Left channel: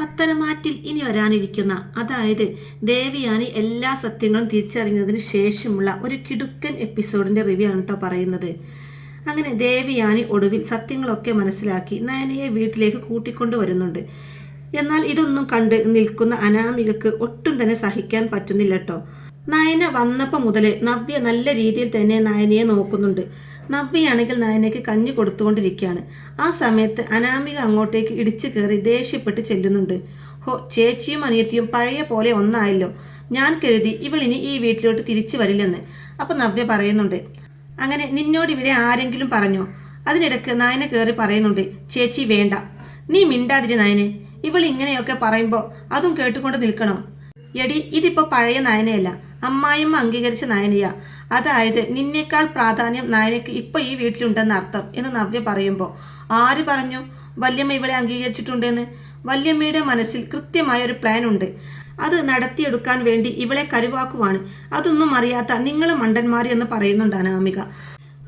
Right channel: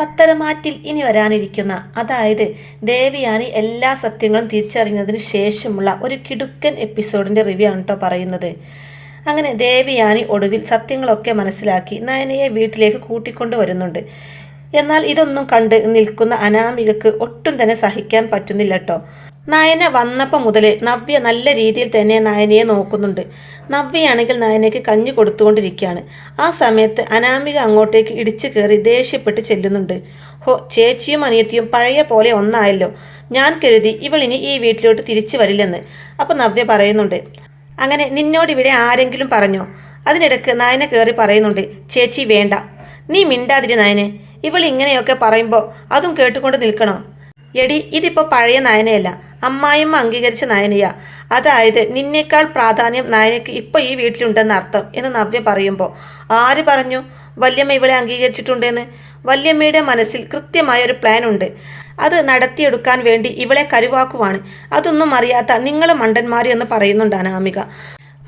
പത്തരമാറ്റിൽ ഇനി വരാനിരിക്കുന്ന, അതായത് ദേവയാനി എല്ലാ സത്യങ്ങളും തിരിച്ചറിഞ്ഞതിന് ശേഷമുള്ള ഒരു കിടുക്കൻ എപ്പിസോഡിൻ്റെ റിവ്യൂ ആണ് കേട്ടോ പറയുന്നത്. അങ്ങനെ ദേവയാനി ഒടുവിൽ സത്യങ്ങളൊക്കെ മനസ്സിലാക്കി നയനയെ വീട്ടിലേക്ക് കൂട്ടിക്കൊണ്ടു വരുന്നുണ്ട്. എന്നാൽ ഇതൊന്നും കണ്ട് നിൽക്കുന്ന അനാമികക്ക് ഒട്ടും തന്നെ സഹിക്കാൻ പറ്റുന്നില്ല കേട്ടോ. നയന വന്നപ്പോൾ മുതൽ നവ്യ നല്ല രീതിയിൽ തന്നെ നയനയെ നോക്കുന്നുണ്ട്. നവ്യയാണെങ്കിൽ നയനയ്ക്ക് കഞ്ഞി കൊടുത്തുകൊണ്ടിരിക്കുകയാണ്. ആ സമയത്ത് അനാമിക അങ്ങോട്ടേക്ക് ഇടിച്ചു കയറി ദേഷ്യപ്പെട്ട് ചെല്ലുന്നുണ്ട്. ഹോ, ചേച്ചിയും അനിയത്തിയും പഴയ പോലെ ഒന്നായല്ലോ. ഞാൻ കരുതി ഇവളിനി ഈ വീട്ടിലോട്ട് തിരിച്ചു വരില്ലെന്ന്. അപ്പോൾ നവ്യ പറയുന്നുണ്ട്, അങ്ങനെ നിന്നോട് ഇവിടെ ആരെങ്കിലും പറഞ്ഞോ? അതിനിടയ്ക്ക് നയന കയറി പറയുന്നുണ്ട്, ചേച്ചി വേണ്ട, നീ മിണ്ടാതിരി നയനെ. ഇവൾ ഇങ്ങനെയൊക്കെ പറയുമ്പോൾ അതും കേട്ടുകൊണ്ട് നിൽക്കണോ? എടി, ഇതിപ്പോൾ പഴയ നയനയല്ല, അമ്മായിമ്മ അംഗീകരിച്ച നയനയാ. അതായത് നിന്നേക്കാൾ പ്രാധാന്യം നയനയ്ക്ക് ഇപ്പോൾ ഈ വീട്ടിലുണ്ടെന്ന് അർത്ഥം എന്ന് നവ്യ പറയുമ്പോൾ, ആര് പറഞ്ഞു വല്യമ്മ ഇവളെ അംഗീകരിച്ചിട്ടുണ്ടെന്ന്? വല്യമ്മയുടെ മനസ്സിൽ കൃത്യമായൊരു പ്ലാൻ ഉണ്ട്. അത് നടത്തിയെടുക്കാൻ വേണ്ടി ഇവളെ കരുവാക്കുവാണ്. അതൊന്നും അറിയാത്ത നിങ്ങൾ മണ്ടന്മാർ എന്ന് പറയുന്നുണ്ട് അനാമിക.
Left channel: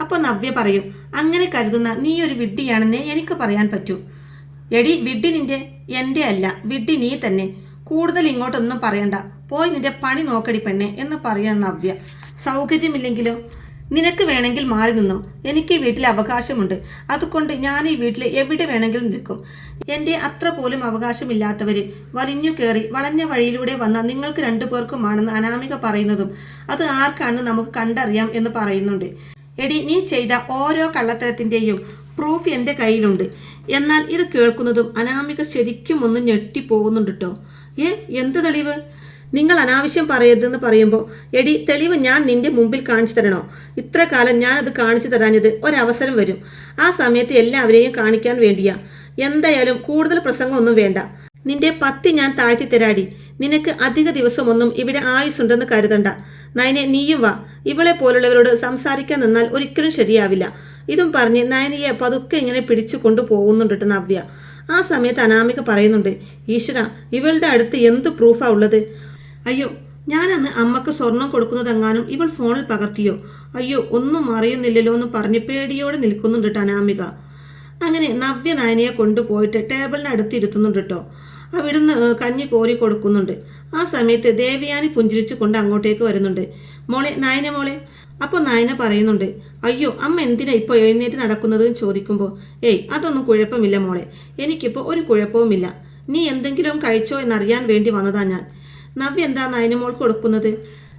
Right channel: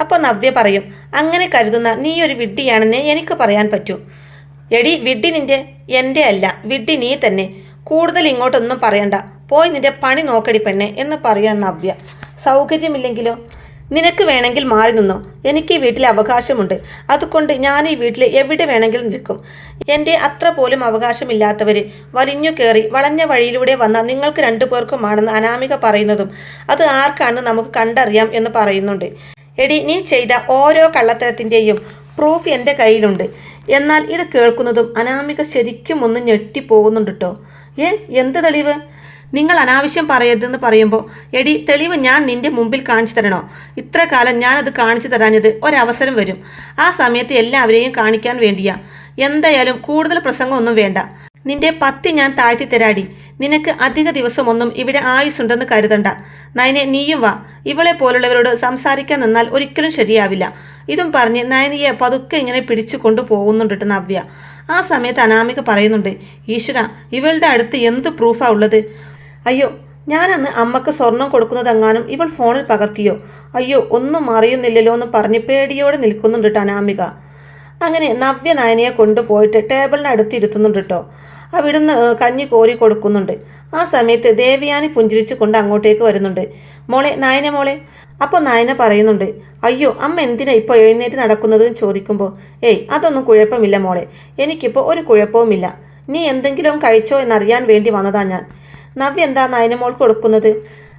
അപ്പോൾ നവ്യ പറയും, അങ്ങനെ കരുതുന്ന നീ ഒരു വിഡ്ഢിയാണെന്നേ എനിക്ക് പറയാൻ പറ്റൂ. എടി, വിഡ്ഢി എൻ്റെ അല്ല, വിഡ്ഢി നീ തന്നെ. കൂടുതൽ ഇങ്ങോട്ടൊന്നും പറയണ്ട, പോയി നിന്റെ പണി നോക്കടി പെണ്ണെ എന്ന് പറയാൻ നവ്യ. സൗകര്യമില്ലെങ്കിലോ? നിനക്ക് വേണമെങ്കിൽ മാറി നിന്നോ, എനിക്ക് ഈ വീട്ടിൽ അവകാശമുണ്ട്. അതുകൊണ്ട് ഞാൻ ഈ വീട്ടിൽ എവിടെ വേണമെങ്കിലും നിൽക്കും. എൻ്റെ അത്ര പോലും അവകാശമില്ലാത്തവർ വലിഞ്ഞു കയറി വളഞ്ഞ വഴിയിലൂടെ വന്ന നിങ്ങൾക്ക് രണ്ടുപേർക്കുമാണെന്ന് അനാമിക പറയുന്നതും അത് ആർക്കാണെന്ന് നമുക്ക് കണ്ടറിയാം എന്ന് പറയുന്നുണ്ട്. എടി, നീ ചെയ്ത ഓരോ കള്ളത്തരത്തിൻ്റെയും പ്രൂഫ് എൻ്റെ കയ്യിലുണ്ട്. എന്നാൽ ഇത് കേൾക്കുന്നതും അനാമിക ശരിക്കും ഒന്ന് ഞെട്ടിപ്പോകുന്നുണ്ട് കേട്ടോ. എന്ത് തെളിവ്? നിങ്ങൾ അനാവശ്യം പറയരുതെന്ന് പറയുമ്പോൾ, എടി, തെളിവ് ഞാൻ നിന്റെ മുമ്പിൽ കാണിച്ചു തരണോ? ഇത്ര കാലം ഞാനത് കാണിച്ചു തരാഞ്ഞത് ഒരവസരം വരും. ആ സമയത്ത് എല്ലാവരെയും കാണിക്കാൻ വേണ്ടിയാ. എന്തായാലും കൂടുതൽ പ്രസംഗമൊന്നും വേണ്ട. നിന്റെ പത്തി ഞാൻ താഴ്ത്തി തരാടി. നിനക്ക് അധിക ദിവസമൊന്നും ഇവിടെ ആയുസ്സുണ്ടെന്ന് കരുതണ്ട. നയനെ, നീയും വാ. ഇവളെ പോലുള്ളവരോട് സംസാരിക്കാൻ നിന്നാൽ ഒരിക്കലും ശരിയാവില്ല. ഇതും പറഞ്ഞ് നയനയെ പതുക്കെ ഇങ്ങനെ പിടിച്ചു കൊണ്ടുപോകുന്നുണ്ട് നവ്യ. ആ സമയത്ത് അനാമിക പറയുന്നുണ്ട്, ഈശ്വര, ഇവളുടെ അടുത്ത് എന്ത് പ്രൂഫാ ഉള്ളത്? അയ്യോ, ഞാനന്ന് അമ്മക്ക് സ്വർണം കൊടുക്കുന്നതെങ്ങാനും ഇവൾ ഫോണിൽ പകർത്തിയോ? അയ്യോ, ഒന്നും അറിയുന്നില്ലല്ലോ എന്ന് പറഞ്ഞ് പേടിയോടെ നിൽക്കുന്നുണ്ട് അനാമിക. അങ്ങനെ നവ്യ നയനയെ കൊണ്ടുപോയിട്ട് ടേബിളിനടുത്ത് ഇരുത്തുന്നുണ്ട് കേട്ടോ. അവിടുന്ന് കഞ്ഞി കോരി കൊടുക്കുന്നുണ്ട്. ആ സമയത്ത് ദേവയാനി പുഞ്ചിരിച്ചു കൊണ്ട് അങ്ങോട്ടേക്ക് വരുന്നുണ്ട്. മോളെ, നയന മോളെ. അപ്പോൾ നയന പറയുന്നുണ്ട്, അയ്യോ അമ്മ എന്തിനാ ഇപ്പോൾ എഴുന്നേറ്റ് നടക്കുന്നതെന്ന് ചോദിക്കുമ്പോൾ, അതൊന്നും കുഴപ്പമില്ല മോളെ, എനിക്കിപ്പോൾ ഒരു കുഴപ്പവുമില്ല. നീ എന്തെങ്കിലും കഴിച്ചോ എന്നറിയാൻ വേണ്ടി വന്നതാ ഞാൻ. നവ്യ എന്താ നയനമോൾക്ക് കൊടുക്കുന്നത്?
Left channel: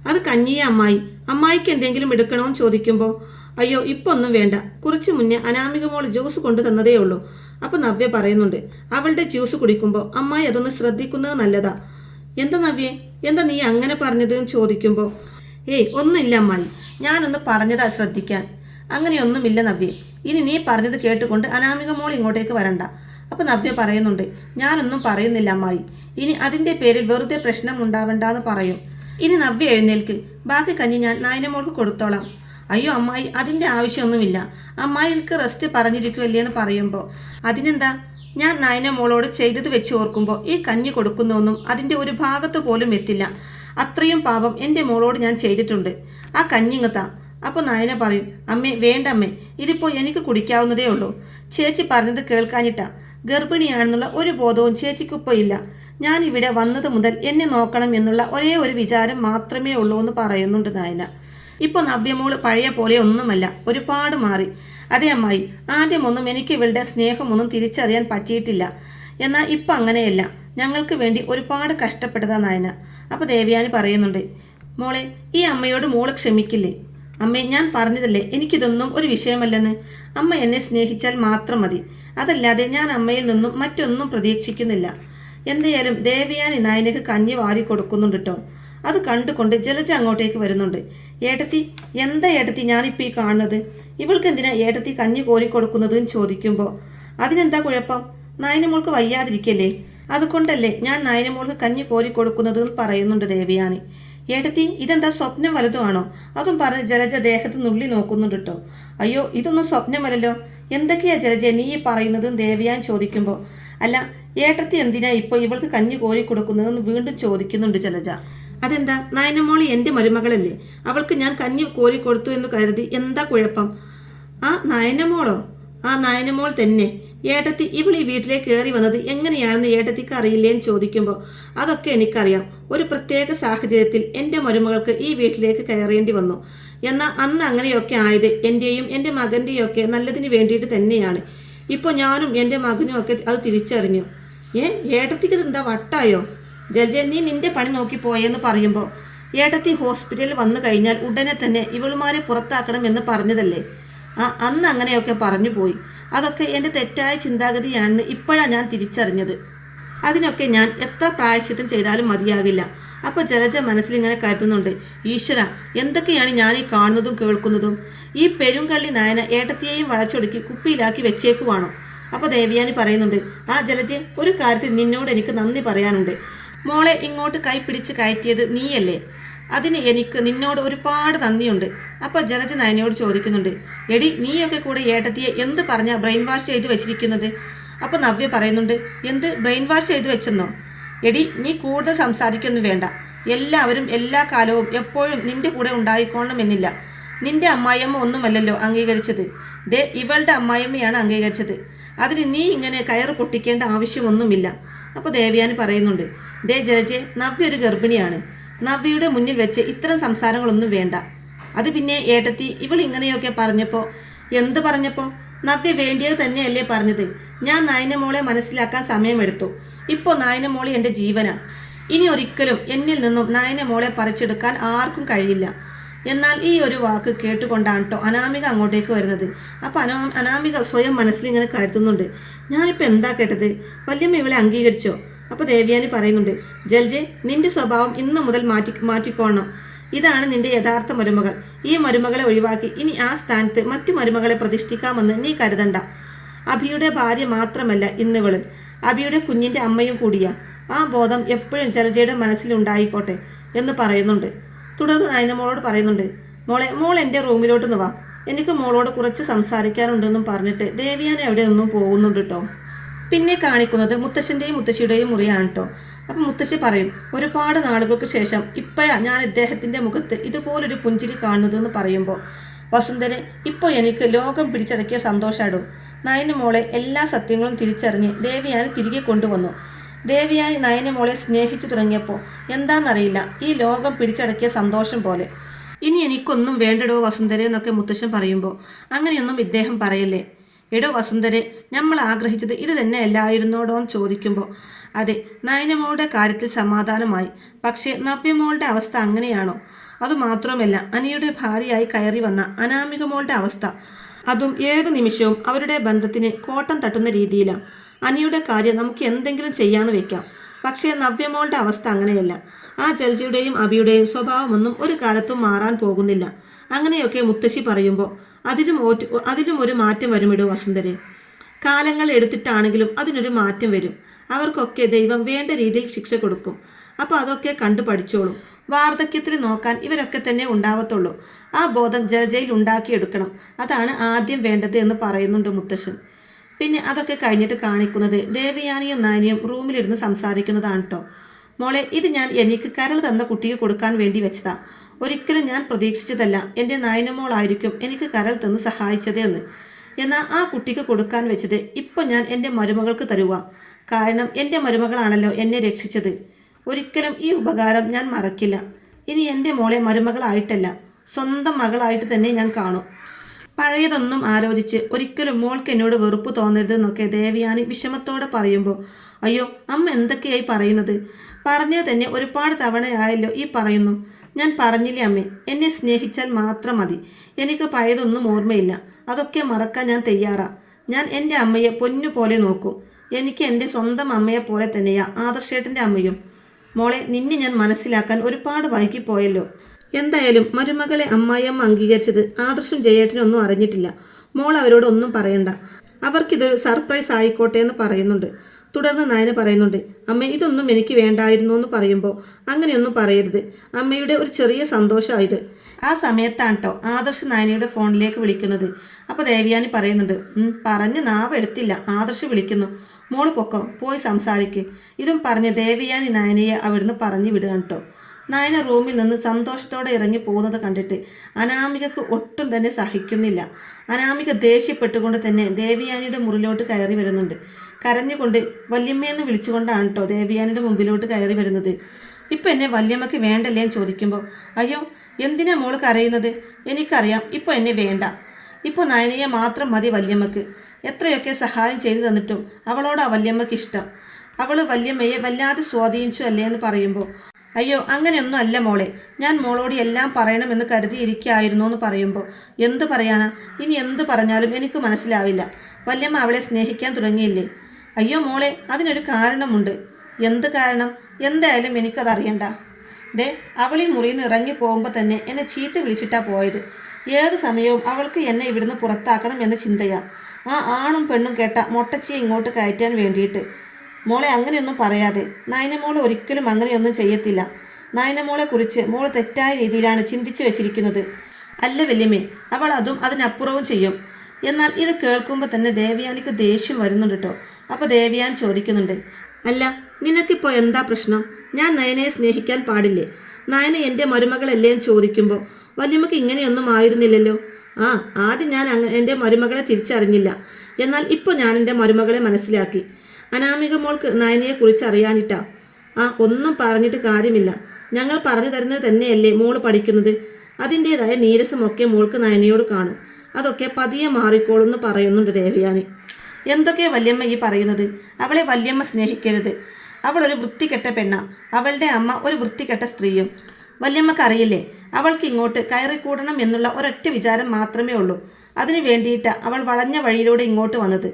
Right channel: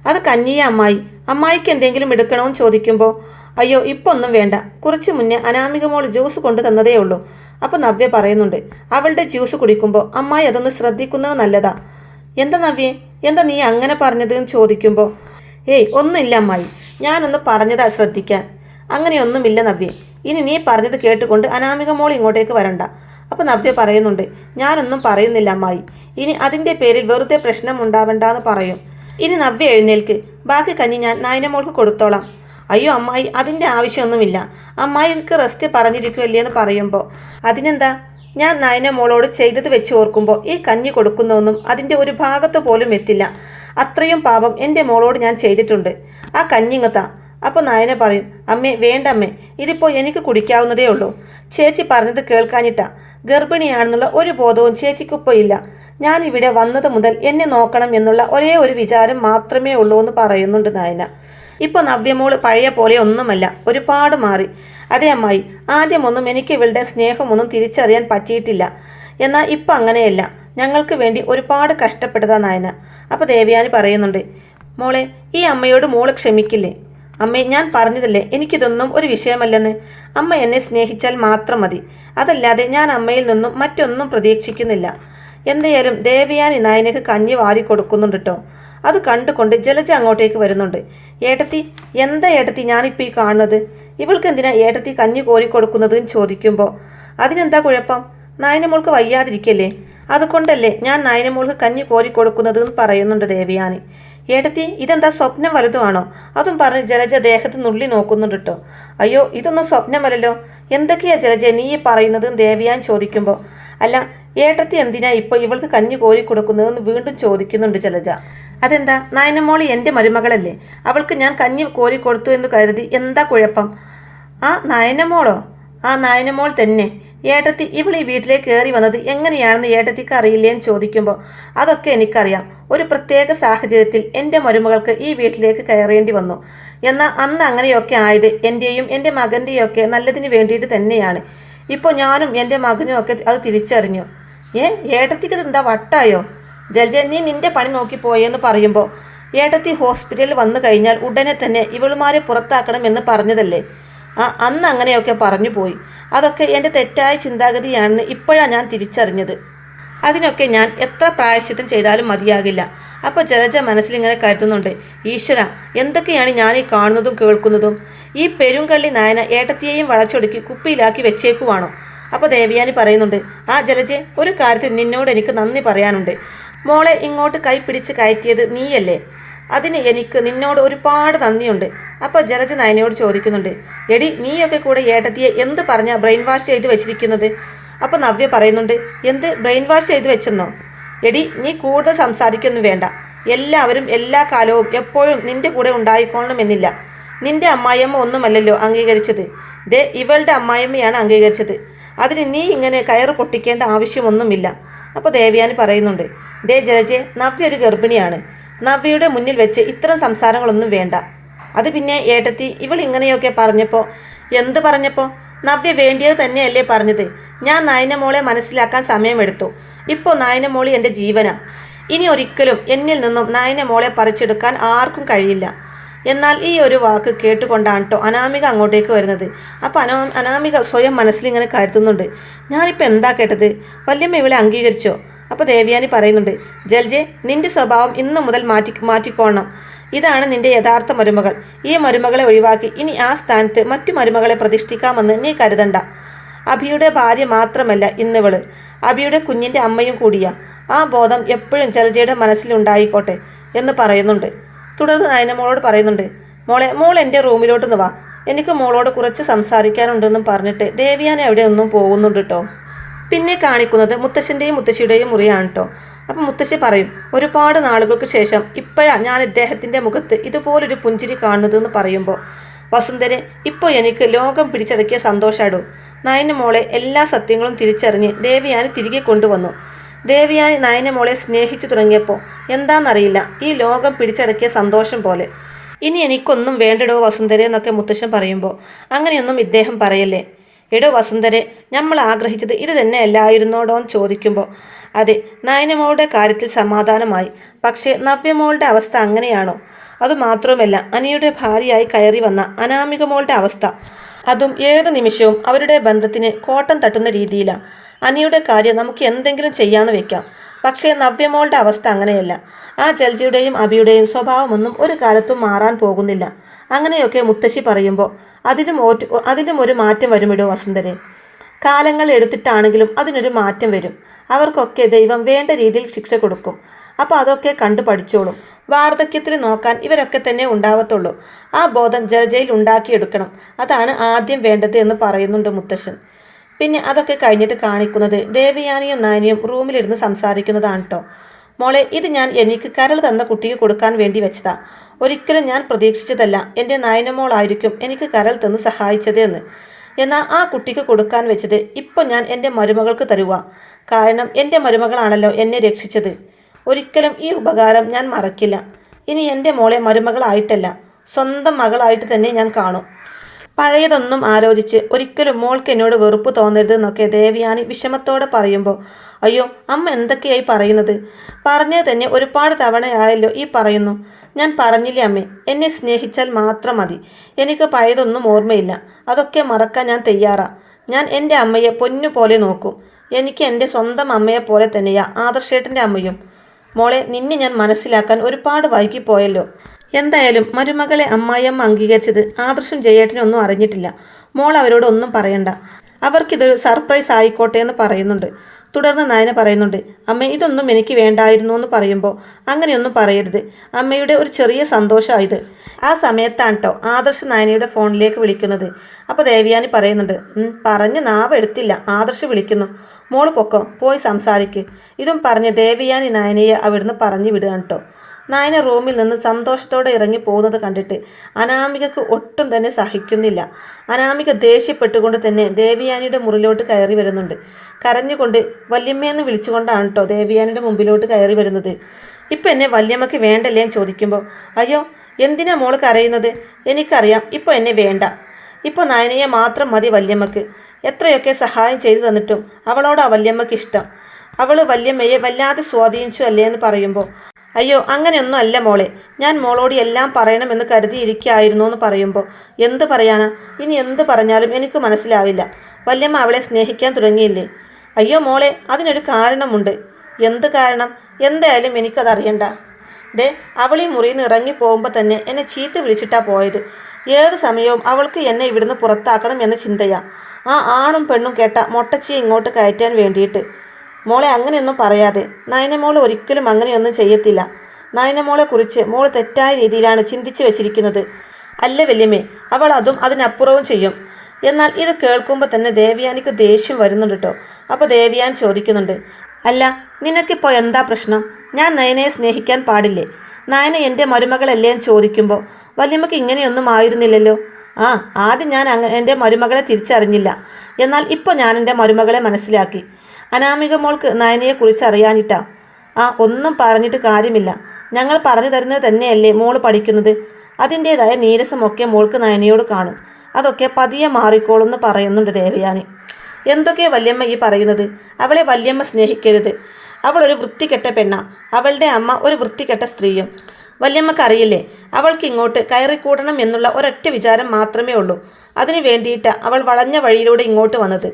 അത് കഞ്ഞിയെ അമ്മായി. അമ്മായിക്ക് എന്തെങ്കിലും എടുക്കണമെന്ന് ചോദിക്കുമ്പോൾ, അയ്യോ ഇപ്പോൾ ഒന്നും വേണ്ട, കുറച്ച് മുന്നേ അനാമിക മോൾ ജ്യൂസ് കൊണ്ടു തന്നതേ ഉള്ളൂ. അപ്പോൾ നവ്യ പറയുന്നുണ്ട്, അവളുടെ ജ്യൂസ് കുടിക്കുമ്പോൾ അമ്മായി അതൊന്ന് ശ്രദ്ധിക്കുന്നത് നല്ലതാ. എന്താ നവ്യേ, എന്താ നീ അങ്ങനെ പറഞ്ഞതെന്ന് ചോദിക്കുമ്പോൾ, ഒന്നുമില്ല അമ്മായി, ഞാനൊന്ന് പറഞ്ഞതാ ശ്രദ്ധിക്കാൻ. അങ്ങനെയൊന്നുമില്ല നവ്യ, ഇനി നീ പറഞ്ഞത് കേട്ടുകൊണ്ട് അനാമിക മോൾ ഇങ്ങോട്ടേക്ക് വരണ്ട. അപ്പോൾ നവ്യ പറയുന്നുണ്ട്, ഞാനൊന്നും പറയുന്നില്ല അമ്മായി, ഇനി അതിൻ്റെ പേരിൽ വെറുതെ പ്രശ്നം ഉണ്ടാവണ്ടെന്ന് പറയും. ഇനി നവ്യ എഴുന്നേൽക്ക്, ബാക്കി കഞ്ഞി ഞാൻ നയനമോൾക്ക് കൊടുത്തോളാം. അയ്യോ അമ്മായി, അതിൻ്റെ ആവശ്യമൊന്നുമില്ല. അമ്മായി എനിക്ക് റെസ്റ്റ് പറഞ്ഞിരിക്കുമല്ലേ എന്ന് പറയുമ്പോൾ, അതിനെന്താ, ഞാൻ നയനമോളോട് ചെയ്തത് വെച്ച് ഓർക്കുമ്പോൾ ഈ കഞ്ഞി കൊടുക്കുന്നൊന്നും അതിൻ്റെ ഒരു ഭാഗത്ത് പോലും എത്തില്ല. അത്രയും പാപം എൻ്റെ മോളോട് ഞാൻ ചെയ്തിട്ടുണ്ട്. ആ കഞ്ഞിങ്ങത്താ. അപ്പോൾ നയന പറയും, അമ്മേ വേണ്ട അമ്മേ, ഇതിപ്പോൾ എനിക്ക് കുടിക്കാവുന്നതേ ഉള്ളൂ. ചേച്ചി പറഞ്ഞത് കേൾക്കാഞ്ഞിട്ടാ. ഗർഭിണിയാണെന്നുള്ള ഒരു ബോധവും ചേച്ചിക്കിപ്പോൾ ഇല്ല. ഞാൻ ഇവിടെ വന്നത് മുതൽ എന്നെ നോക്കണം എന്നുള്ള ഒരേ ഒരു വിചാരം മാത്രമേ ഉള്ളൂ എന്ന് പറയുന്നുണ്ട് നയന. ഇപ്പോൾ നവ്യമോള് പഴയ പോലെ ഒന്നുമല്ല, ഒരുപാട് മാറി. അതെ അമ്മായി, ആദ്യമൊന്നും എനിക്ക് ഇവളുടെ സ്നേഹമൊന്നും തിരിച്ചറിയാൻ പറ്റിയിട്ടില്ല. എന്നാൽ ഇപ്പം അങ്ങനെയല്ല, ഞങ്ങൾക്ക് വേണ്ടി ഒരുപാട് കഷ്ടപ്പെട്ടതാ നയന. അപ്പോൾ ദേവയാനി പറയുന്നുണ്ട്, മോളെ, ഈ അമ്മയോട് മോള് ക്ഷമിക്കില്ലേ? അമ്മേ, ഞാൻ പറഞ്ഞതല്ലേ എനിക്കിതൊന്നും ഒരു വിഷയമല്ലെന്ന്. അമ്മ എന്നെ സ്നേഹിച്ചാൽ മാത്രം മതി. അതല്ലാതെ ഞാൻ അമ്മയിൽ നിന്നും മറ്റൊന്നും പ്രതീക്ഷിക്കുന്നില്ല. എന്തായാലും ദേവയാനി നയനക്ക് കഞ്ഞി വാരി കൊടുക്കുന്നുണ്ട് കേട്ടോ. അത് കണ്ടുകൊണ്ട് ജലജ അങ്ങോട്ടേക്ക് വരുന്നുണ്ട്. ഏട്ടത്തി, എന്താ ഏട്ടത്തി ഞാനിപ്പോൾ ഈ കാണുന്നത്? ഇവൾക്ക് എന്തിനാ ഏട്ടത്തി കഞ്ഞി കോരി കൊടുക്കുന്നതെന്ന് ചോദിക്കുമ്പോൾ, അതിനെന്താ കുഴപ്പം? നയനമോൾക്ക് വയ്യാതിരിക്കല്ലേ, അതുകൊണ്ടല്ലേ ഞാൻ നയനമോൾക്ക് കഞ്ഞി കോരി കൊടുക്കുന്നതെന്ന് പറയുന്നുണ്ട് ദേവയാനി. ഏട്ടത്തി, ഇതെന്താ സ്വപ്നം വലുതുമാണോ? അതും പറഞ്ഞ് ജലജ ദേഹത്ത് നുള്ളി നോക്കുന്നുണ്ട് കേട്ടോ. അയ്യോ, ഇതൊന്നും സ്വപ്നമല്ലല്ലോ, എന്തൊക്കെയാ ജലജ നീ പറയുന്നതെന്ന് ദേവയാൻ ചോദിക്കുമ്പോൾ, അല്ല ഏട്ടത്തി എന്തിനാ ഇപ്പോൾ ഇവൾക്ക് കഞ്ഞി കോരി കൊടുക്കുന്നതെന്ന് വീണ്ടും ചോദിക്കുന്നുണ്ട് ജലജ. അതെന്താ, നയനമോളി എൻ്റെ മരുമകളല്ലേ, അവൾക്ക് ഞാൻ കഞ്ഞി കോരി കൊടുത്തു എന്ന് കരുതി എന്താ കുഴപ്പം? ആ നയനമോളോ? ആ നയനമോൾ തന്നെ. ഏട്ടത്തി ഇവൾ ഈ വീട്ടിലേക്ക് കയറി വന്നത് എങ്ങനെയാണെന്ന് ഏട്ടത്തിക്ക് അറിയില്ലേന്ന് ചോദിക്കുമ്പോൾ അതൊക്കെ എനിക്കറിയാം. ഒരു പ്രത്യേക സാഹചര്യത്തിൽ എൻ്റെ മരുമകൾക്ക് ഈ വീട്ടിലേക്ക് കയറേണ്ടി വന്നു. എന്നാൽ അന്ന് അങ്ങനെയൊക്കെ ആയത് എൻ്റെയും എൻ്റെ മകൻ്റെയൊക്കെ നല്ലതിന് വേണ്ടിയിട്ട് തന്നെയാണ്. ഇപ്പോൾ ഞാനും എൻ്റെ മകനും ഒക്കെ അത് തിരിച്ചറിഞ്ഞു. ഏട്ടത്തിക്ക് എന്താ വട്ടായോ? ജലജ, നീ നിന്റെ പണി നോക്കി പോയെന്ന് പറയുമ്പോൾ ഏട്ടത്തി ഹോസ്പിറ്റലിൽ വന്നു കഴിഞ്ഞാൽ ഉടനെ തന്നെ ഇവളുമാരെ പുറത്താക്കണമെന്ന് പറഞ്ഞതല്ലേ? അന്ന് അങ്ങനെയൊക്കെ പറഞ്ഞു പോയി. അതൊക്കെ എൻ്റെ തെറ്റായ ചിന്താഗതിയാണെന്ന് ഇപ്പോഴാണ് ഞാൻ തിരിച്ചറിഞ്ഞത്. അതിനൊക്കെ ഞാൻ എത്ര പ്രായശ്ചിത്തം ചെയ്താലും മതിയാകില്ല. അപ്പോൾ ജലജ മനസ്സിലിങ്ങനെ കരുതുന്നുണ്ട്, ഈശ്വര, എന്തൊക്കെയാണ് ഞാൻ ഈ കാണുന്നതും കേൾക്കുന്നതും? ഈ പെരുങ്കള്ളി നായന ഏട്ടത്തിയെയും വളച്ചൊടുക്കി കുപ്പിയിലാക്കി വെച്ചേക്കുവാണോ? അപ്പോൾ ദേവയാനി പറയുന്നുണ്ട്, ജലജെ, ഒരു കാര്യത്തിൽ നിന്നോട് എനിക്ക് നന്ദി പറയാനുണ്ട്. മോളെ ഇങ്ങോട്ട് കൈ പിടിച്ച് കയറ്റിയത് നീയല്ലേ? അതിന് എനിക്ക് നിന്നോട് ഒരുപാട് നന്ദിയുണ്ട്. അപ്പോൾ ജലജ നയനയോട് ചോദിക്കുന്നുണ്ട്, എടി, നീയൊക്കെ കൂടെ ഏട്ടത്തിയെ എന്ത് പറഞ്ഞാൽ ബ്രെയിൻ വാഷ് ചെയ്ത് വെച്ചിരിക്കുന്നത്? അപ്പോൾ നവ്യ പറയുന്നുണ്ട്, എന്ത് ബ്രെയിൻ വാഷ് ചെയ്ത് വെച്ചെന്നോ? എടി, നീ കൂടുതൽ സംസാരിക്കൊന്നും വേണ്ട. എല്ലാവരും എല്ലാ കാലവും എപ്പോഴും നിന്റെ കൂടെ ഉണ്ടായിക്കൊള്ളണമെന്നില്ല. നിന്റെ അമ്മായിയമ്മ ഒന്നുമല്ലല്ലോ അംഗീകരിച്ചത്. ഇവളുടെ അമ്മായിയമ്മയാണ് അംഗീകരിച്ചത്. അതിന് നീ ഇങ്ങനെ കയറ് പൊട്ടിക്കേണ്ട ആവശ്യമൊന്നുമില്ല. അപ്പോൾ ദേവയാനി പറയുന്നുണ്ട്, ജലജെ, നവ്യ ഒരു ഗർഭിണിയാണ്. നവ്യയുടെ മുന്നിൽ വെച്ച് ഇത്തരം സംസാരങ്ങളൊന്നും വേണ്ട. അത് പിന്നെ ഏട്ടത്തി, ഇവൾ ഇങ്ങനെയൊക്കെ പറഞ്ഞപ്പോൾ എന്ത് പറഞ്ഞപ്പോൾ? നവ്യ വേണ്ടിയത് തന്നെയല്ലേ പറഞ്ഞത്? ഞാൻ നയനമോളെ മനസ്സിലാക്കാൻ സമയമെടുത്തു. ഇപ്പോൾ നയനമോളി എൻ്റെ ജീവനാണ്. ഇനി ഒരിക്കലും എന്നിൽ നിന്നും നയനമോളെ പറിച്ചെടുക്കാൻ ആർക്കും കഴിയില്ല. എന്നാൽ ഈ ഒരു വാക്ക് കേട്ടുകൊണ്ടാണ് കേട്ടോ അനാമിക അങ്ങോട്ടേക്ക് വരുന്നത്. അപ്പോൾ അനാമിക സ്വയം മനസ്സിലിങ്ങനെ കരുതുന്നുണ്ട്, ഞാനിപ്പോൾ എന്താ കേട്ടത്? വല്യമ്മ ഇവളെ അംഗീകരിച്ചോ? അപ്പോൾ ദേവയാനി പറയുന്നുണ്ട്, ജൽജെ, നിന്റെ സ്വഭാവം ഇന്നു മുതൽ മാറ്റിക്കോണം. ഇതാണ് നിന്റെ യഥാർത്ഥ മരുമകൾ. ഈ മരുമകളെ ഒഴിവാക്കി ഇനി ആ സ്ഥാനത്ത് മറ്റു മരുമകളെ പ്രതിഷ്ഠിക്കാമെന്ന് നീ കരുതണ്ട. അഭിയുടെ ഭാര്യ മാത്രമല്ല ഇന്നിവള്, അഭിയുടെ കുഞ്ഞിൻ്റെ അമ്മയും കൂടിയാ. ആ ബോധം എപ്പോഴും ജലജയുടെ മനസ്സിലുണ്ടായിക്കോട്ടെ എന്ന് പറയുന്നുണ്ട്. തുടർന്ന് നയനമോളോട് പറയുന്നുണ്ട്, മോൾ എൻ്റെ റൂമിലോട്ടൊന്ന് വാ, എനിക്ക് മോളോട് കുറച്ച് സംസാരിക്കാനുണ്ടെന്നും പറഞ്ഞിട്ട് ദേവയാനി അവിടെ ഒന്നും പോകുന്നുണ്ട് കേട്ടോ. പിന്നെ കാണിക്കുന്നത് മുത്തശ്ശൻ്റെയും മുത്തശ്ശിയുടെയും മുറിയാണ് കേട്ടോ. അപ്പം മുത്തശ്ശി പറയും, ഒരുപാട് നാളുകൾക്ക് ശേഷം ഇപ്പോഴാണ് ഞാൻ ഇദ്ദേഹത്തിൻ്റെ മുഖത്ത് ഇതുപോലൊരു പുഞ്ചിരി കാണുന്നതെന്ന് പറയുമ്പോൾ, വസുന്ധരെ, ഇപ്പോൾ എനിക്ക് ലോകം പിടിച്ചടക്കിയ സന്തോഷാടോ. നയനമോളെ എല്ലാ സത്യങ്ങളും തിരിച്ചറിഞ്ഞ് ദേവയാനി തിരികെ കൊണ്ടുവന്നു. ദേവയാനി നയനമോളെ സ്നേഹിച്ചു തുടങ്ങിയപ്പോൾ എന്താണെന്നറിയില്ല, ഈ ലോകം പിടിച്ചടക്കിയ സന്തോഷം പോലെ. ഇനി എനിക്കൊന്നും വേണ്ടടോ വസുന്ധരെ എന്നൊക്കെ മുത്തശ്ശൻ പറയുമ്പോൾ, അങ്ങനെയൊന്നും ഇദ്ദേഹം പറയല്ലേ. എടോ വസുന്ധരെ, നമ്മൾ ആഗ്രഹിച്ചത് ഇത് തന്നെ അല്ലായിരുന്നോടോ എന്ന് ചോദിക്കുമ്പോൾ, അതെ, നയനമോളുടെ കാര്യത്തിൽ സമാധാനമായി. പക്ഷേ നവ്യമോളുടെ അവസ്ഥ അങ്ങനെയാണോ? അതുമാത്രമല്ല, അനിയുടെ ഭാര്യയായി കയറി വന്ന അനാമികമോളുടെ അവസ്ഥ, അതും ഏത് നിമിഷവും അവരുടെ ബന്ധത്തിന് കോട്ടം തട്ടുന്ന രീതിയിലാണ്. അനിയുടെ കാര്യം നമുക്ക് എന്തെങ്കിലും ചെയ്യാമെന്ന് വെക്കാം. പക്ഷേ നവ്യമോളുടെ അവസ്ഥ അങ്ങനെയല്ല. ആ ജൽജയുടെയും അഭിയുടെയും സ്വഭാവമൊന്നും ഒരു കാലത്തും മാറാൻ പോകുന്നില്ല. അങ്ങനെയൊക്കെ മുത്തശ്ശി പറയുമ്പോൾ അതിലും ഒരു മാറ്റം വരുമിടോ വസുന്ധരെ. കാലങ്ങൾ എടുത്തിട്ടാണെങ്കിലും അതിനൊരു മാറ്റം വരും. അവർക്കൊക്കെ ദൈവം വേണ്ട രീതിയിൽ ശിക്ഷ കൊടുക്കും. അപ്പോൾ അതൊക്കെ കണ്ടു പഠിച്ചോളും. വാർദ്ധക്യത്തിൽ നോക്കാൻ ഇവരൊക്കെ തന്നെ ഉണ്ടാവത്തുള്ളൂ. ആ ബോധം ജലജയിൽ ഉണ്ടാക്കിയെടുക്കണം. അതാണ് ആദ്യം വേണ്ടത് എന്ന് പറയുന്നുണ്ട് മുത്തശ്ശൻ. പിന്നെ അതൊക്കെ കഴിഞ്ഞിട്ട് കാണിക്കുന്നത് ദേവയാനിയും നാനിയും റൂമിലിരുന്ന് സംസാരിക്കുന്നതാണ് കേട്ടോ. മോളെ, ഇത് ഞാൻ എനിക്ക് കരൾ തന്ന കുട്ടിക്ക് കൊടുക്കാൻ വേണ്ടി വെച്ചതാ. ഒരിക്കലും ഞാൻ പ്രതീക്ഷിച്ചതല്ല എൻ്റെ നയനമോളായിരിക്കും എനിക്ക് കരൾ തന്ന് സഹായിച്ചത് എന്ന്. എന്നാൽ ആ കുട്ടിക്ക് കൊടുക്കാൻ വെച്ചത് ഇപ്പോൾ ഞാൻ എൻ്റെ മരുമകൾക്ക് തരുക. കാരണം എൻ്റെ മരുമകളാണല്ലോ എന്നെ രക്ഷിച്ചത്. ഒരിക്കലും ഈ ഉപകാരം ഞാൻ മറക്കില്ല. ഇനി എൻ്റെ മോളെ മരുമകളായിട്ടല്ല, സ്വന്തം മകളായിട്ട് തന്നെ ഞാൻ കാണും. പഴയതൊന്നും ആലോചിച്ച് ഒരിക്കലും മോൾക്ക് എന്നോട് വെറുപ്പ് തോന്നരുത് എന്നൊക്കെ ദേവയാനി വിഷമത്തോടെ പറയുമ്പോൾ, അയ്യോ അമ്മ എന്തൊക്കെയായി പറയുന്നത്? പറഞ്ഞത് തന്നെ ഒരുപാട് തവണയായല്ലോ ഈ പറയുന്നു. ഞാൻ പറഞ്ഞില്ലേ അമ്മേ, എന്നെ സ്നേഹിച്ചാൽ മാത്രം മതി. എനിക്ക് പഴയതൊന്നും ഓർമ്മയില്ല. അതൊക്കെ മറക്കാൻ ഞാൻ തയ്യാറാ. ഞാൻ എൻ്റെ അമ്മയെ പൊന്നു പോലെ നോക്കും. എനിക്ക് എൻ്റെ സ്വന്തം അമ്മയെ പോലെ തന്നെയാ ആദർശേട്ടൻ്റെ അമ്മയും. മോളെ, നിന്നെ ഞാൻ മനസ്സിലാക്കാൻ ഒരുപാട് വൈകിപ്പോയല്ലോ. എന്തായാലും മരുമകളെ അമ്മായിയമ്മ അംഗീകരിച്ചത് ആദർശം ജയേട്ടനൊന്നും അറിഞ്ഞിട്ടില്ല. മോൾ അവരോട് ഒന്നും പറയണ്ട. അവർക്കിതൊരു സർപ്രൈസ് ആയിക്കോട്ടെ എന്ന് പറയുന്നുണ്ട്. തുടർന്ന് നയന പറയുന്നുണ്ട്, അമ്മ ഇതൊന്നും എനിക്ക് വേണ്ടായിരുന്നു എന്ന് പറയുമ്പോൾ, അങ്ങനെയൊന്നും പറയരുത്. അമ്മയുടെ ഒരു ചെറിയ സന്തോഷമായത്. ആ സമയത്താണ് കേട്ടോ ആദർശ് നയനയുടെ ഫോണിലേക്ക് വിളിക്കുന്നത്. അപ്പോൾ ദേവയാനി പറയുന്നുണ്ട്, പറഞ്ഞ് നാവ് എടുത്തില്ല, ആദർശ് വിളിക്കുന്നു, മോള് പൊക്കോ, പോയി സംസാരിക്ക്. ഇതും പറഞ്ഞ് ദേവയാനി നയനയെ അവിടുന്ന് പറഞ്ഞു വിടുകയാണ് കേട്ടോ. നയന റൂമിൽ നിന്ന് സന്തോഷത്തോടെ ഇറങ്ങി പോകുന്നത് കണ്ടിട്ട് അനാമികക്ക് ഒട്ടും തന്നെ സഹിക്കുന്നില്ല. അനാമിക ദേഷ്യപ്പെട്ടുകൊണ്ട് തന്നെ ദേവയാനിയുടെ മുറിലോട്ട് കയറി വരുന്നുണ്ട്. കരഞ്ഞുകൊണ്ട് വല്യമ്മയെന്ന് വിളിച്ചുകൊണ്ടാണ് കേട്ടോ ദേവയാനിയുടെ മുമ്പിലോട്ട് കയറി വരുന്നത്. ഇപ്പം എന്നെ വല്യമ്മക്ക് വേണ്ടല്ലേ എന്ന് ചോദിക്കുമ്പോൾ, അയ്യോ എന്തിനാ മോള് കരയുന്നത്? എനിക്കറിയാം ഇപ്പോൾ എന്നെ വേണ്ട. ഇപ്പോൾ നയനയെ മാത്രം മതി വല്യമ്മക്ക്. എത്രയൊക്കെ സഹായം ചെയ്തു തന്നിട്ടും അവളോടാ വല്യമ്മക്ക് ഇഷ്ടം. അവൾ വല്യമ്മയെ വല്ലാതെ സ്വാധീനിച്ചു അല്ലേ എന്ന് പറയുമ്പോൾ, അയ്യോ അങ്ങനെയൊന്നും അല്ല മോളെ, ഞാൻ മോളോട് എല്ലാം പറയണമെന്ന് കരുതിയിരിക്കുകയായിരുന്നു എന്ന് പറയുമ്പോൾ, എന്ത് പറയാനാ? ഇനി എന്ത് പറഞ്ഞാലും എനിക്ക് മനസ്സിലാവില്ല. വല്യമ്മ അവളെ സ്നേഹിക്കാൻ തുടങ്ങിയില്ലേ? അയ്യോ മോളെ, അതിനൊരു കാരണമുണ്ട്. എന്ത് കാരണം? എന്തായാലും എനിക്കതറിയണ്ട. ദേ അവളീ മുറിയിൽ നിന്ന് ഇറങ്ങി പോകുമ്പോൾ തന്നെ എന്നെ ചീത്ത വിളിച്ചിട്ടാ പോയത്. ഏത് സമയവും അവൾക്ക് എന്നെ ഇവിടുന്ന് പുറത്താക്കണം എന്ന ചിന്തയാ. ആ ആണും പെണ്ണും കേട്ട മൊട്ടച്ചിയെ ഇങ്ങോട്ട് കയറ്റാൻ വേണ്ടിയിട്ട്. മോളെ അങ്ങനെയൊന്നും പറയാതെ. നയനമോൾ ഒരിക്കലും അങ്ങനെയൊന്നും ചെയ്യത്തില്ല. നയനമോളെക്കുറിച്ച് മോൾ തെറ്റായ രീതിയിലാണ് ചിന്തിച്ചു വെച്ചിരിക്കുന്നത്. അല്ല വല്യമ്മേ, അവൾ അതും അതിനപ്പുറവും ചെയ്യും. എന്നാൽ ഇത് കേൾക്കുമ്പോൾ തന്നെ ദേവയാനിക്ക് ദേഷ്യം വരുന്നുണ്ട് കേട്ടോ. അപ്പോൾ ദേവയാൻ ചോദിക്കുന്നുണ്ട്, അല്ല നിനക്കിപ്പോൾ എന്താ പ്രശ്നം? ഞാൻ നയനയെ സ്നേഹിക്കാൻ പാടില്ലേ? നയന എൻ്റെ മരുമകളല്ലേ എന്ന് ചോദിക്കുമ്പോൾ, വല്യമ്മക്ക് ഇങ്ങനെയൊന്നും ആയിരുന്നില്ലല്ലോ. ആദ്യം ഞാൻ എൻ്റെ മരുമകളെ തിരിച്ചറിഞ്ഞില്ല. എന്നാൽ ഇപ്പോൾ ഞാൻ എൻ്റെ മരുമകളെ മനസ്സിലാക്കി. അനാമിക മോൾക്ക് നയനയെക്കുറിച്ച് അറിയാനിട്ടാ. ഒന്നും പറഞ്ഞിട്ട് കാര്യമില്ല. ഞങ്ങൾ പറഞ്ഞു തരുന്നത് തന്നെയല്ലേ മോള് പഠിക്കുന്നത്. അതിൻ്റേതായ നീരസമൊക്കെ മോൾക്ക് നയനയോട് കാണും. അതൊക്കെ പതിയെ മാറിക്കോളെന്ന് പറയുന്നുണ്ട് ദേവയാനി. എന്തൊക്കെയാ വല്യമ്മ ഈ പറയുന്നത്? അവളെ വല്യമ്മ സ്നേഹിക്കരുത്. അവൾ ഒരു വൃത്തികെട്ട പെണ്ണ. അവളുടെ അമ്മ ഒരു വൃത്തികെട്ട സ്ത്രീയും. വല്യമ്മക്ക് അറിയില്ലേ, അവൾക്ക് ഇങ്ങോട്ട് കയറിക്കൂടണം എന്നുള്ള ഒരൊറ്റ വിചാരം മാത്രമേ ഉള്ളൂ. അതിനു വേണ്ടിയിട്ട് അവൾ വളഞ്ഞ വഴിയിലൂടെ ഇങ്ങോട്ട് വന്നത്.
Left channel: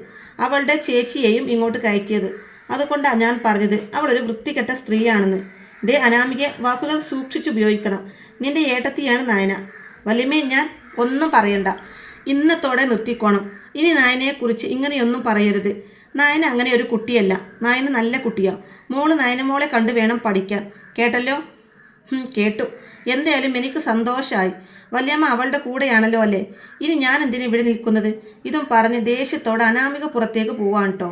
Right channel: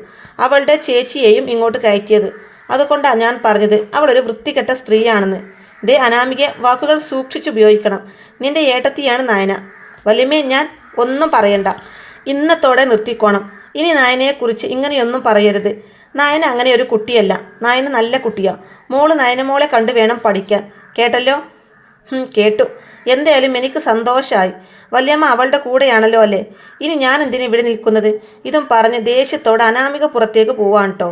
അവളുടെ ചേച്ചിയെയും ഇങ്ങോട്ട് കയറ്റിയത്. അതുകൊണ്ടാണ് ഞാൻ പറഞ്ഞത് അവളൊരു വൃത്തികെട്ട സ്ത്രീയാണെന്ന്. ദേ അനാമിക, വാക്കുകൾ സൂക്ഷിച്ചുപയോഗിക്കണം. നിന്റെ ഏട്ടത്തിയാണ് നയന. വല്യമ്മേ, ഞാൻ ഒന്നും പറയണ്ട. ഇന്നത്തോടെ നിർത്തിക്കോണം. ഇനി നയനയെക്കുറിച്ച് ഇങ്ങനെയൊന്നും പറയരുത്. നയന അങ്ങനെ ഒരു കുട്ടിയല്ല. നയന നല്ല കുട്ടിയാ. മോള് നയനമോളെ കണ്ടു വേണം പഠിക്കാൻ. കേട്ടല്ലോ? കേട്ടു. എന്തായാലും എനിക്ക് സന്തോഷമായി. വല്യമ്മ അവളുടെ കൂടെയാണല്ലോ അല്ലേ? ഇനി ഞാൻ എന്തിനാ ഇവിടെ നിൽക്കുന്നത്? ഇതും പറഞ്ഞ് ദേഷ്യത്തോടെ അനാമിക പുറത്തേക്ക് പോവാണ് കേട്ടോ.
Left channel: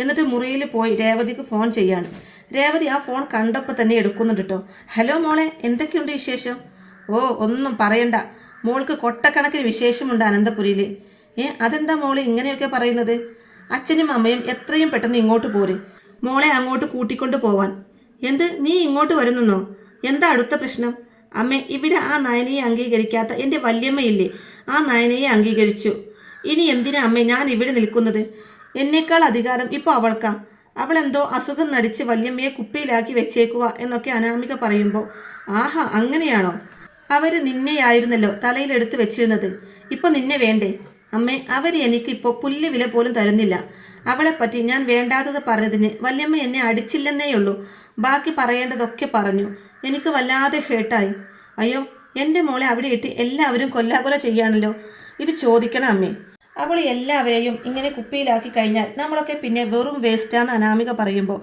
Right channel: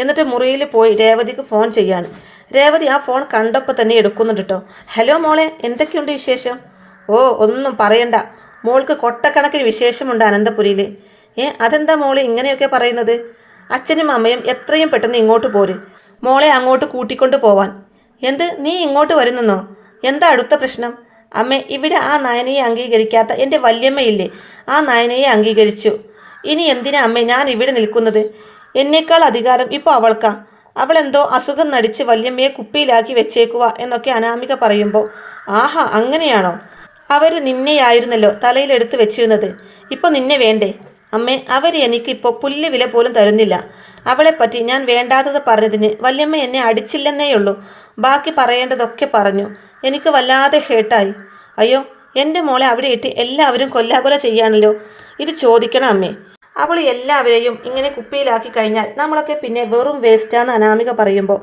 എന്നിട്ട് മുറിയിൽ പോയി രേവതിക്ക് ഫോൺ ചെയ്യാണ്. രേവതി ആ ഫോൺ കണ്ടപ്പോൾ തന്നെ എടുക്കുന്നുണ്ട് കേട്ടോ. ഹലോ മോളെ, എന്തൊക്കെയുണ്ട് വിശേഷം? ഒന്നും പറയണ്ട. മോൾക്ക് കൊട്ടക്കണക്കിന് വിശേഷമുണ്ട് അനന്തപുരിയിൽ. അതെന്താ മോളെ ഇങ്ങനെയൊക്കെ പറയുന്നത്? അച്ഛനും അമ്മയും എത്രയും പെട്ടെന്ന് ഇങ്ങോട്ട് പോര്. മോളെ അങ്ങോട്ട് കൂട്ടിക്കൊണ്ട് പോവാൻ. എന്ത്, നീ ഇങ്ങോട്ട് വരുന്നെന്നോ? എന്താ അടുത്ത പ്രശ്നം? അമ്മേ, ഇവിടെ ആ നയനയെ അംഗീകരിക്കാത്ത എൻ്റെ വല്യമ്മയില്ലേ, ആ നയനയെ അംഗീകരിച്ചു. ഇനി എന്തിനാ അമ്മേ ഞാൻ ഇവിടെ നിൽക്കുന്നത്? എന്നേക്കാൾ അധികാരം ഇപ്പോൾ അവൾക്കാ. അവളെന്തോ അസുഖം നടിച്ച് വല്യമ്മയെ കുപ്പിയിലാക്കി വെച്ചേക്കുക എന്നൊക്കെ അനാമിക പറയുമ്പോൾ, ആഹാ അങ്ങനെയാണോ? അവർ നിന്നെയായിരുന്നല്ലോ തലയിലെടുത്ത് വെച്ചിരുന്നത്. ഇപ്പോൾ നിന്നെ വേണ്ടേ? അമ്മേ, അവർ എനിക്കിപ്പോൾ പുല്ല് വില പോലും തരുന്നില്ല. അവളെപ്പറ്റി ഞാൻ വേണ്ടാത്തത് പറഞ്ഞതിന് വല്യമ്മ എന്നെ അടിച്ചില്ലെന്നേയുള്ളൂ. ബാക്കി പറയേണ്ടതൊക്കെ പറഞ്ഞു. എനിക്ക് വല്ലാതെ ഹേർട്ടായി. അയ്യോ, എൻ്റെ മോളെ അവിടെ ഇട്ട് എല്ലാവരും കൊല്ലാകൊല ചെയ്യാണല്ലോ. ഇത് ചോദിക്കണം അമ്മേ. അവൾ എല്ലാവരെയും ഇങ്ങനെ കുപ്പിയിലാക്കി കഴിഞ്ഞാൽ നമ്മളൊക്കെ പിന്നെ വെറും വേസ്റ്റാന്ന് അനാമിക പറയുമ്പോൾ,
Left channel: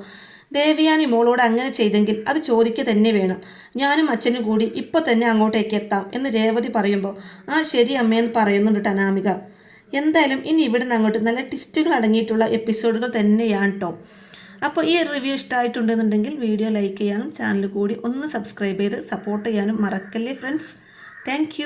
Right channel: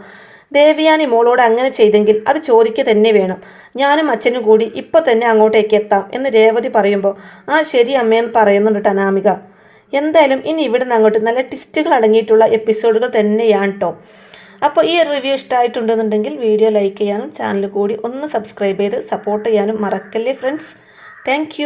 ദേവയാനി മോളോട് അങ്ങനെ ചെയ്തെങ്കിൽ അത് ചോദിക്കുക തന്നെ വേണം. ഞാനും അച്ഛനും കൂടി ഇപ്പോൾ തന്നെ അങ്ങോട്ടേക്ക് എത്താം എന്ന് രേവതി പറയുമ്പോൾ, ശരി അമ്മയെന്ന് പറയുന്നുണ്ട് അനാമിക. എന്തായാലും ഇനി ഇവിടുന്ന് അങ്ങോട്ട് നല്ല ട്വിസ്റ്റുകൾ അടങ്ങിയിട്ടുള്ള എപ്പിസോഡുകൾ തന്നെയാണ് കേട്ടോ. അപ്പോൾ ഈ റിവ്യൂ ഇഷ്ടമായിട്ടുണ്ടെന്നുണ്ടെങ്കിൽ വീഡിയോ ലൈക്ക് ചെയ്യാനും ചാനൽ കൂടി ഒന്ന് സബ്സ്ക്രൈബ് ചെയ്ത് സപ്പോർട്ട് ചെയ്യാനും മറക്കല്ലേ ഫ്രണ്ട്സ്. താങ്ക്